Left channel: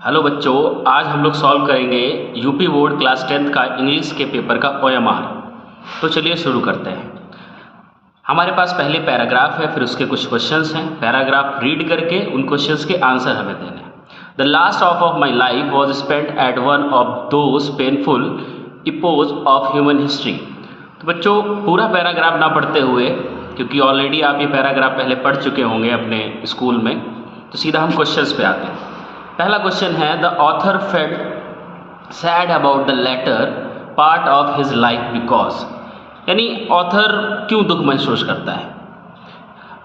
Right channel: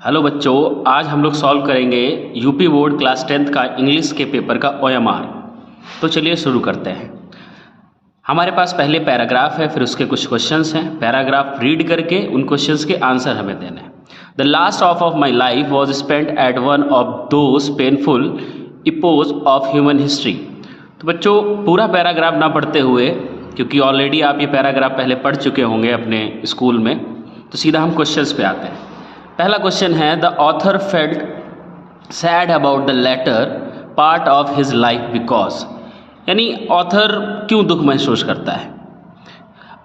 Hello बच्चों, आज हम लोग सॉल्व करेंगे यूपी बोर्ड क्लास 10th का इंग्लिश के पेपर का OMR। तो चलिए शुरू करते हैं। हमारे पास पहले पैराग्राफ है, फिर उसके कुछ क्वेश्चंस हैं। पैराग्राफ रीड करके उन क्वेश्चंस के आंसर हमें देने हैं। The last of my life was spent at one of those painful epochs of human history. तो बच्चों पूरा पैराग्राफ ना पढ़ते हुए, क्योंकि ऑलरेडी आप ये पैराग्राफ पहले पढ़ चुके होंगे अपने स्कूल में, तो सीधा हम क्वेश्चंस पे आते हैं। पहला क्वेश्चन है, the author felt sad about the latter part of his life because, यानी ऑथर क्यों दुख महसूस करता है।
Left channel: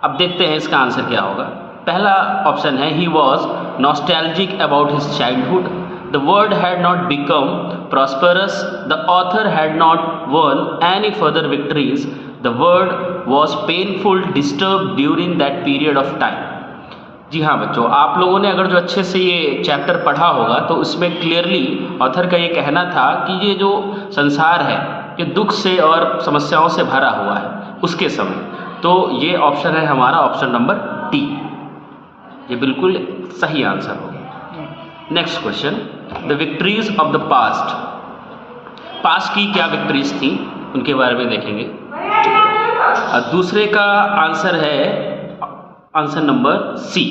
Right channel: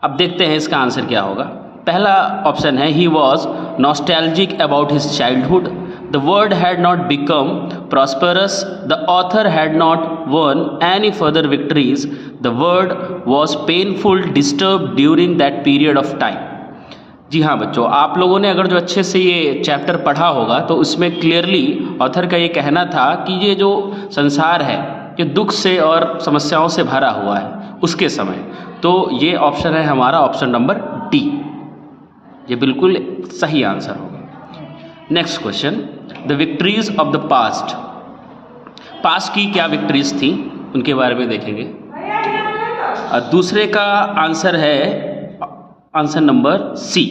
अब देखते हैं इसका आंसर क्या होगा। पहला ऑप्शन है, he was nostalgic about his childhood, the world had not become prosperous, the author had not won any further victories, the world was painful disturb during that period of time. जी हाँ बच्चों, आप लोगों ने अगर जो अच्छे से ये चैप्टर पढ़ा होगा तो उसमें क्लियरली ऑथर का ये कहना था कि ये जो संसार है ये दुख से और समस्याओं से भरा हुआ है उसके समय। तो ये ऑप्शन है हमारा, ऑप्शन नंबर डी, ये बिल्कुल सही आंसर होगा। Next question, the victories of the past, past की क्या विक्ट्रीज थी उनके बारे में देखेंगे। दूसरे का आंसर है answer number C,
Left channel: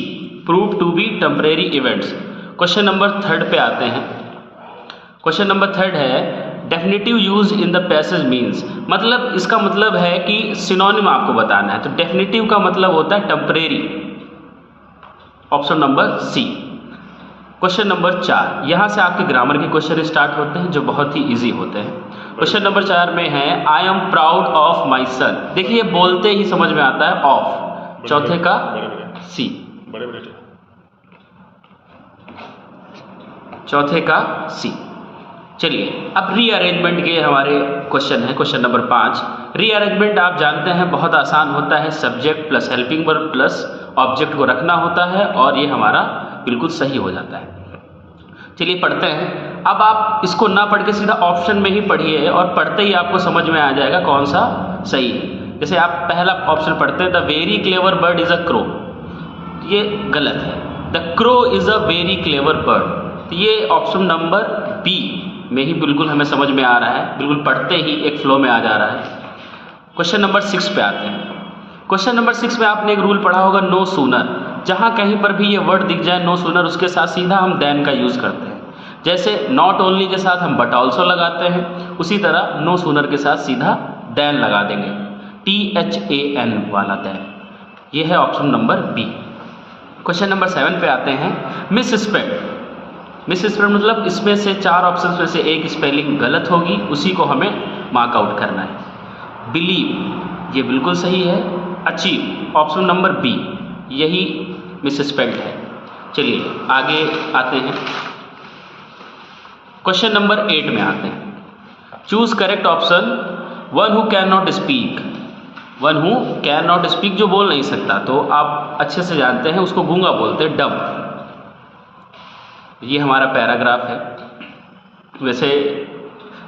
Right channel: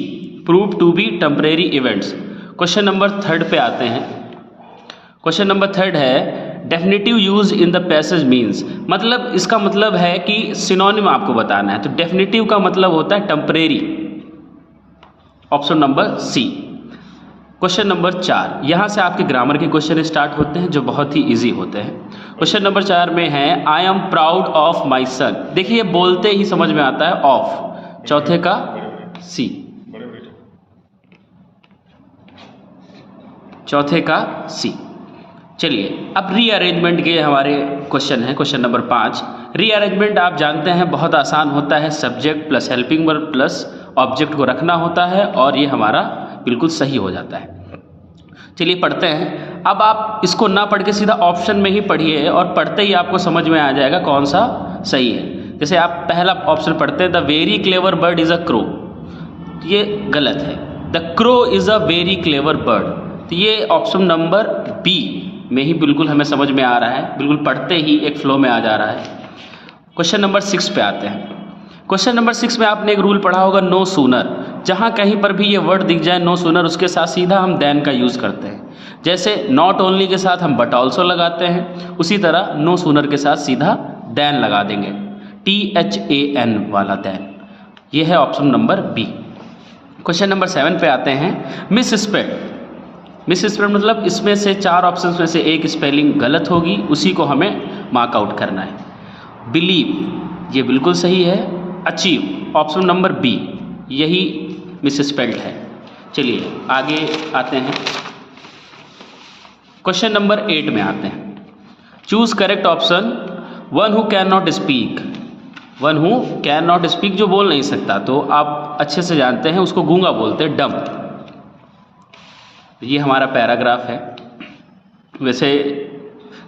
prove to be temporary events. Question number third पे आते हैं। क्वेश्चन नंबर थर्ड है, definitive use in the passage means, मतलब इसका मतलब है कि सिनोनिम आपको बताना है। तो डेफिनेटिव का मतलब होता है temporary, option number C. Question number 4, यहाँ से आपके ग्रामर के क्वेश्चन स्टार्ट होते हैं जो बहुत ही इजी होते हैं। क्वेश्चन नंबर 4 में है, I am proud of my son. देखिए बोलते ही समझ में आता है ऑफ, चौथे का सी, चौथे का सी। चलिए अब रीअरेंजमेंट के हमारे क्वेश्चन है। क्वेश्चन नंबर 5, रीअरेंजमेंट आप जानते हैं बहुत आसान होता है, subject plus helping verb plus object को रखना होता है और ये हमारा बिल्कुल सही हो जाता है। चलिए पढ़ते हैं। अब आप इसको ना पढ़ के सीधा ऑप्शन में ही पढ़िए और पढ़ते ही आपको समझ में आ जाएगा कौन सा सही है। जैसे आप पहला ऑप्शन पढ़ते हैं, the very clever bird is a crow, ये गलत है। The crow is a very clever bird, तो ये ऑप्शन नंबर बी में ही बिल्कुल हमें समझ में आ रहा है, बिल्कुल पढ़ते ही एक फ्लो में आ जा रहा है। क्वेश्चन नंबर 6 पे आते हैं। क्वेश्चन नंबर 6 में आपने एक रूल पढ़ा होगा, नो सूनर। जहाँ कहीं पर भी ये वर्ड दिख जाए नो सूनर, उसके साथ सीधा हम देन का यूज़ करते हैं। जैसे नॉट ओनली के साथ हम बट ऑल्सो लगाते हैं, उसी तरह नो सूनर के साथ सीधा देन लगा देंगे, THAN वाला देन। ये है option number B. Question number 7 पे आते हैं, मिस स्प्रेड। मिस स्प्रेड मतलब इसमें से 4 ऑप्शंस में से एक स्पेलिंग गलत होगी, उसी को हमें मार्क आउट करना है। बिलीव, ये बिल्कुल सही है। अचीव, ऑप्शन नंबर बी, यही मिस स्पेल्ड है। चलिए आगे आते हैं। क्वेश्चन नंबर 8 में आते हैं, choose correct option, one who can not speak. One who can not speak जो बोल नहीं सकता, तो आप अच्छे से जानते हैं उसको गूंगा बोलते हैं, डम्ब। ये हमारा पैराग्राफ है। वैसे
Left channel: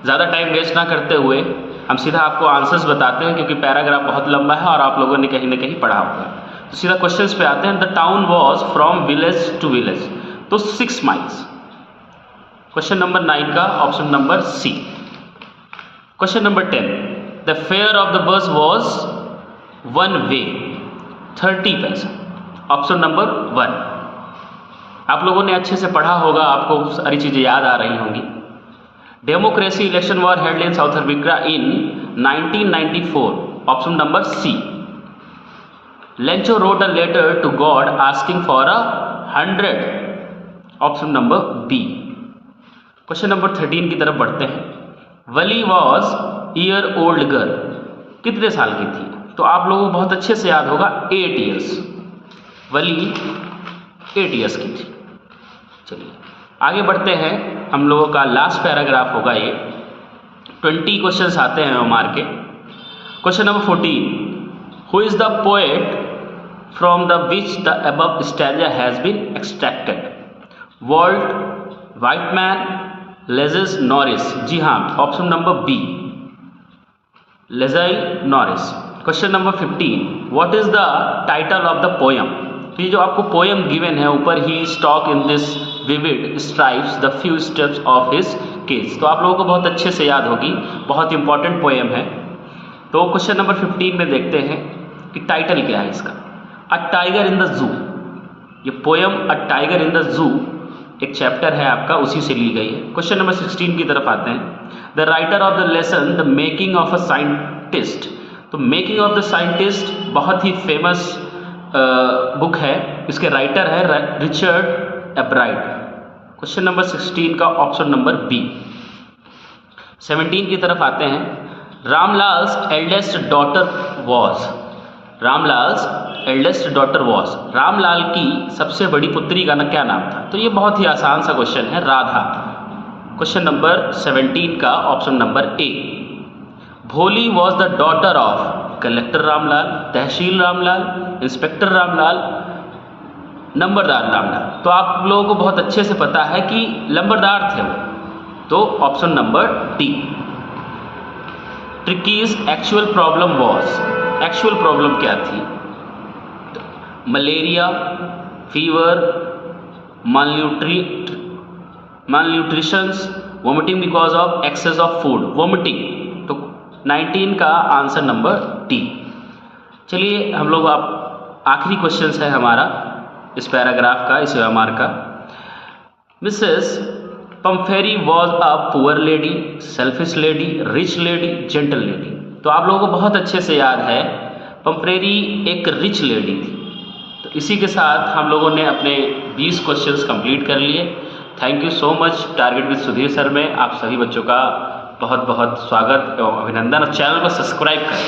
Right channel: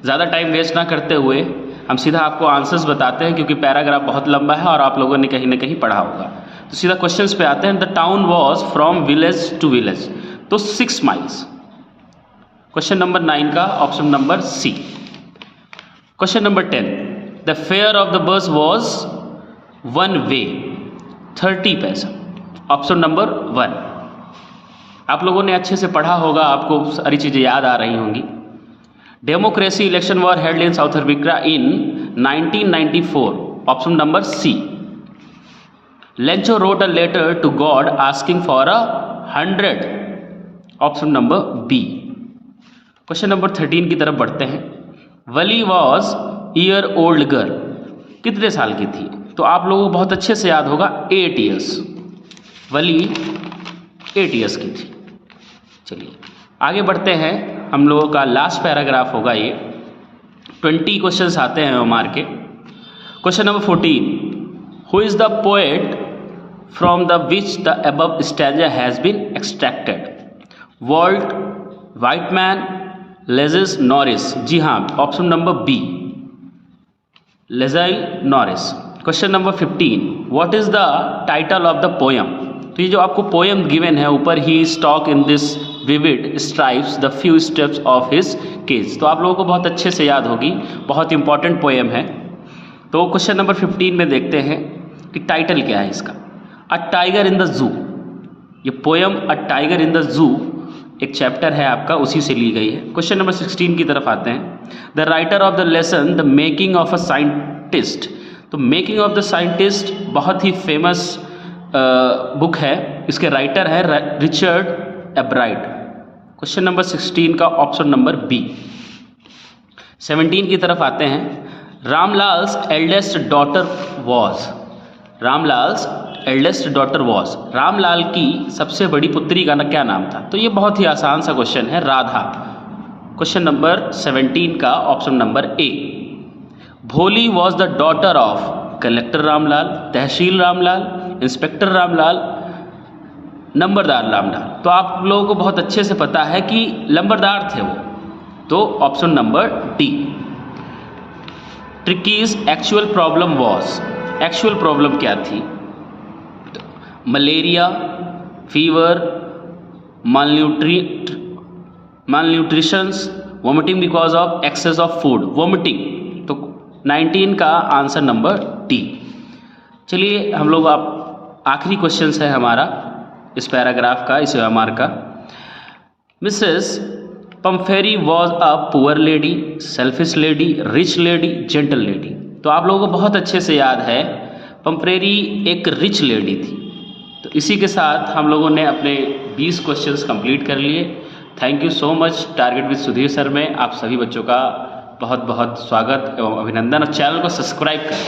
ज़्यादा टाइम वेस्ट ना करते हुए हम सीधा आपको आंसर्स बताते हैं, क्योंकि पैराग्राफ बहुत लंबा है और आप लोगों ने कहीं ना कहीं पढ़ा होगा। तो सीधा क्वेश्चंस पे आते हैं। The town was from village to village, तो 6 माइल्स। क्वेश्चन नंबर 9 का option number C. Question number 10, the fare of the bus was 1 way, 30 paisa, option number 1। आप लोगों ने अच्छे से पढ़ा होगा, आपको सारी चीज़ें याद आ रही होंगी। Democracy election were held in South Africa in 1994, option number C. Lencho wrote a letter to God asking for 100, option number B. Question number 13 की तरफ बढ़ते हैं। Valli was year old girl, कितने साल की थी? तो आप लोगों को बहुत अच्छे से याद होगा 8 ईयर्स। वली 8 ईयर्स की थी। चलिए आगे बढ़ते हैं। हम लोगों का लास्ट पैराग्राफ होगा ये। 20 क्वेश्चंस आते हैं हमारे के। Question number 14, who is the poet from the which the above stanza has been extracted? Walt Whitman, Leslie Norris. जी हाँ, option number B, Leslie Norris. Question number 15, what is the title of the poem? तो ये जो आपको poem given है ऊपर, he stalks in his vivid stripes the few steps of his cage, तो आप लोगों को बहुत अच्छे से याद होगी, बहुत इंपॉर्टेंट पोएम है। तो क्वेश्चन नंबर 15 में देखते हैं कि टाइटल क्या है इसका, अ टाइगर इन द जू। ये poem a tiger in the zoo एक चैप्टर है आपका, उसी से ली गई है। क्वेश्चन नंबर 16 की तरफ आते हैं, the writer of the lesson the making of a scientist. तो मेकिंग ऑफ द साइंटिस्ट बहुत ही फेमस बुक है, इसके राइटर है रिचर्ड एब्राइट। क्वेश्चन नंबर 16 का ऑप्शन नंबर बी। 17 की तरफ आते हैं, Ramlal's eldest daughter was. Ramlal's eldest daughter was, Ramlal की सबसे बड़ी पुत्री का क्या नाम था? तो ये बहुत ही आसान सा क्वेश्चन है, राधा। क्वेश्चन नंबर 17 का option number A. Bholi was the daughter of collector Ramlal, tehsil Ramlal, inspector Ramlal, numberdar Ramlal. तो आप लोगों को बहुत अच्छे से पता है कि नंबरदार थे वो, तो option number D. Tricki's actual problem was, actual problem क्या थी? Malaria, fever, malnutritions, vomiting because of excess of food, vomiting. तो 19 का आंसर नंबर डी। चलिए हम लोग आप आखिरी क्वेश्चन है हमारा इस पैराग्राफ का, इस एमआर का। Mrs Pumphrey was a poor lady, selfish lady, rich lady, gentle lady. तो आप लोगों को बहुत अच्छे से याद है, पम्फेरी एक रिच लेडी थी। तो इसी के साथ हम लोगों ने अपने 20 क्वेश्चंस कंप्लीट कर लिए। Thank you so much. Target with Sudhir sir में आप सभी बच्चों का बहुत बहुत स्वागत एवं अभिनंदन, और चैनल को सब्सक्राइब करें।